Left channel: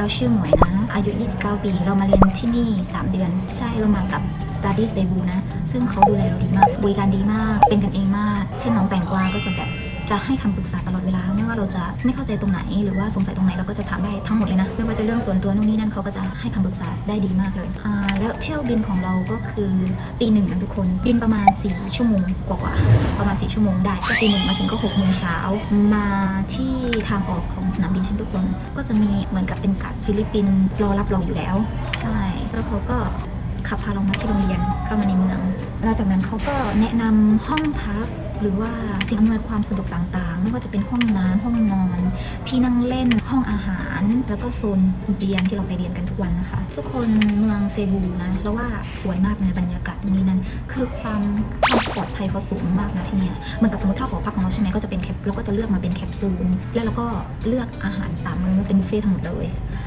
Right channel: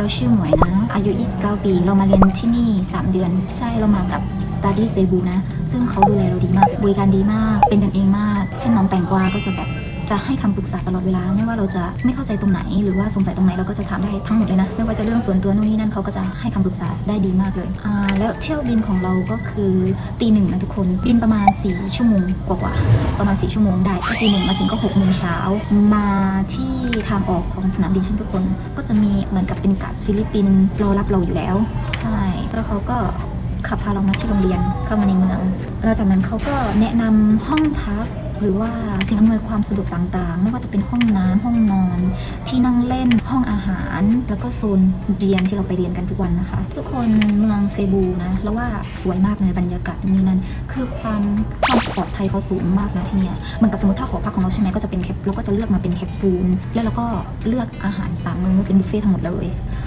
เราชื่อหมวยนะ อายุ 29 ปี เรามาเรียนที่นี่ 3 เดือน ใช่ เรามากับ Study Cebu นะ ซึ่งเขาดูแลเราดีมาก บริการดีมาก เป็นกันเองมาก เช่นน้องแตงกวาก็จะแบบ จะให้คำปรึกษาตลอดเวลา ไม่ว่าเราจะไม่เข้าใจตรงไหน หรือว่าสงสัยตรงไหนเราก็จะถามได้ทั้งหมดเลยนะ ไม่ว่าจะเรื่องส่วนตัวนู่นนี่นั่นเขาก็จะให้คำปรึกษาได้ดีมากเลยอ่าแล้วเที่ยวบินของเราก็คือตีหนึ่งนะทุกคน บินประมาณ 4 ชั่วโมงกว่าๆประมาณ 4 ชั่วโมงได้ก็ตีหนึ่งมาถึงก็6โมงเช้ามาที่ทางออกของสนามบินเช่นทุกคน ก็จะมีเหมือนกับเป็นกัดฟิลิปปินส์รอรับเราอยู่แล้วใช่แล้วเขาก็ ขับพาเรามาที่โรงเรียนเข้ามาในเมืองแล้วจากนั้นเขาก็แนะนำห้องพักหรือว่าสิ่งอำนวยความสะดวกต่างๆ ไม่ว่าจะเป็นห้องน้ำห้องนอน ที่นั่งเล่นห้องอาหาร แล้วก็โซนเรียนที่เราไปเรียนกันทุกวันนะคะ ทุกคนเมืองเซบูนะแล้วว่าสวยมากในบรรยากาศนี่นั่นคือความความปลอดภัยเขาสูงมากนะที่เนี่ยเหมือนกับสมมติถ้าหอพักของเราใช่ไหมก็จะเป็นแคปเราก็จะเลือกมาเป็นแคปซูลแล้วเราก็เลือกอาหารสามมื้อเป็นบุฟเฟ่ต์ทั้งหมดเลย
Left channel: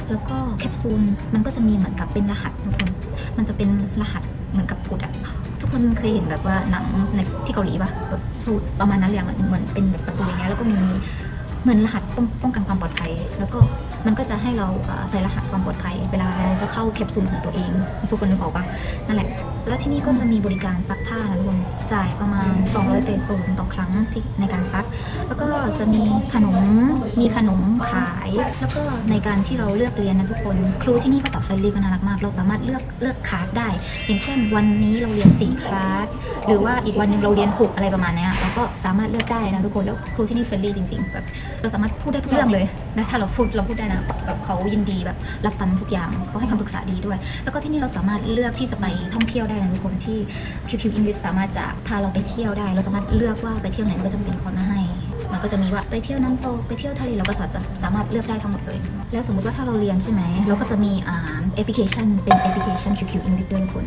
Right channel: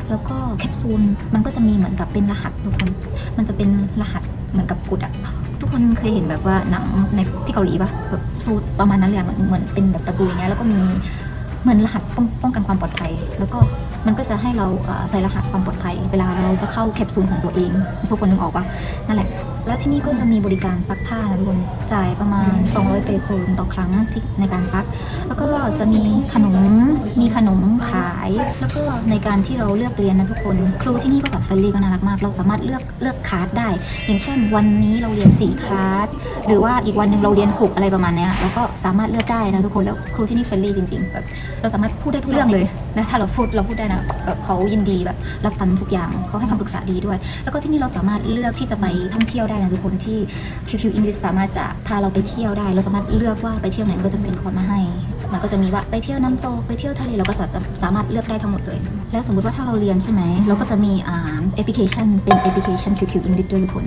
แล้วก็แคปซูลมันก็จะมีเหมือนกับเป็นรหัสทุกคนมันจะเป็นรหัสเหมือนกับกดอะทุกคนเคยเห็นแบบว่าหนังในที่เกาหลีปะแบบสูตรประมาณนั้นเลยอะมันเหมือนเป็นแบบประตูอย่างเงี้ยแล้วก็มีเหมือนรหัสป้องป้องกันความปลอดภัย แล้วก็มันก็จะให้เราใส่รหัสความปลอดภัย เวลาเราจะเข้าแคปซูลของตัวเองทุกคนนึกออกปะนั่นแหละ แล้วที่นี่ก็จะมีบริการซักผ้านะทุกคนจ่ายประมาณ 200 เปโซนต่อครั้งที่ในการซัก แล้วก็จะมีขนม มีขนมขาย แล้วก็ในการที่เราเลือกเรียนนะทุกคน ครูที่นี่ก็จะเฟรนลี่ก็น่ารักมาก เราสามารถเลือกเลือกคลาสได้ อย่างเช่น วันนี้เราเรียน4คลาสหรือว่าอีกวันหนึ่งเราเรียน 6 อะไรประมาณเนี้ยแล้วก็สามารถเลือกได้นะทุกคนแล้วครูที่นี่เฟรนลี่จริงๆแบบเราสามารถพูดได้ทุกเรื่องเลยและถ้าเราพูดเราพูดได้นะแบบเขายินดีแบบรับฟังทุกอย่างเขาให้คำปรึกษาดีด้วย แล้วก็ที่นี่เราสามารถเลือกที่จะไปท่องเที่ยวได้นะทุกคนที่ QQ English สามารถจะพาเราไปเที่ยวได้ เราสามารถเลือกว่าไปเที่ยวไหนก็จะเป็นคนมาให้มันก็จะมีว่าไปเที่ยวน้ำตกไปเที่ยวทะเลเราก็สามารถสามารถเลือกได้ทั้งหมดเลย แล้วสมมติว่าถ้าเราเรียนใช่ไหมเราก็จะมีอ่าแอปพลิเคชันเป็นแอปพลิเคชัน QQ English ด้วยทุกคน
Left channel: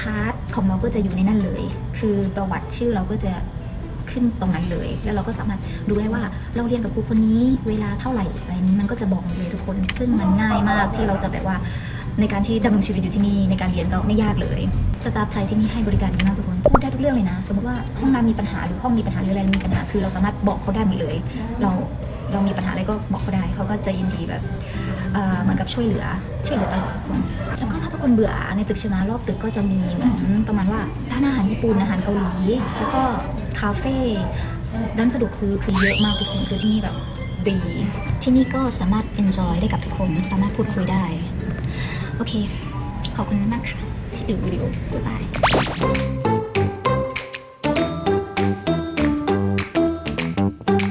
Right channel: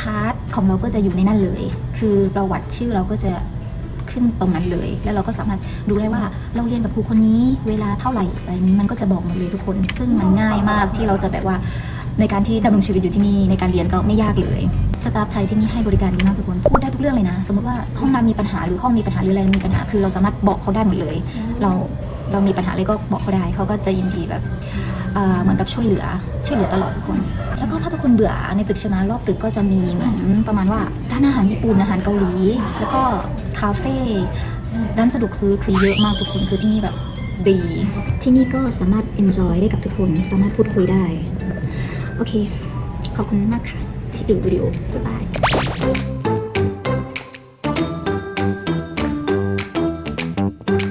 คาร์ดของเราก็จะอยู่ในนั่นเลย คือประวัติชื่อเราก็จะ ตรงนั้นเลย แล้วเราก็สามารถดูได้ว่าเราเรียนกับครูคนนี้เวลาเท่าไหร่อะไรนี้มันก็จะบอกหมดเลยทุกคน ซึ่งมันง่ายมากที่เราจะแบบว่าในการที่ดำรงชีวิตอยู่ที่นี่ในการเรียนก็ไม่ยากเลยสตาฟชายที่นี่ให้บริการดีมากทุกคนพูดได้ทุกเรื่องเลยนะ สมมติว่าห้องน้ำมีปัญหาหรือห้องมีปัญหาหรืออะไรมีปัญหาคือเราสามารถบอกเขาได้หมดเลย เราเรามีปัญหาอะไรก็บอกเขาได้เขาก็จะยินดีแบบ เหมือนกับช่วยเหลือช่วยเหลือตลอดทุกคน แล้วก็ถ้าทุกคนเบื่อในตึกช่ไหมรอบตึกก็จะมีเหมือนประมาณว่าร้านอาหารญี่ปุ่นอาหารเกาหลี แล้วก็คาเฟ่ร้านสะดวกซื้อคือเยอะมากทุกคนคือที่นี่แบบดี ที่นี่ก็สามารถ enjoy ได้กับทุกคน สามารถพูดคุยได้ โอเค ขอบคุณมากค่ะ ที่ดูวิดีโอบ๊ายบาย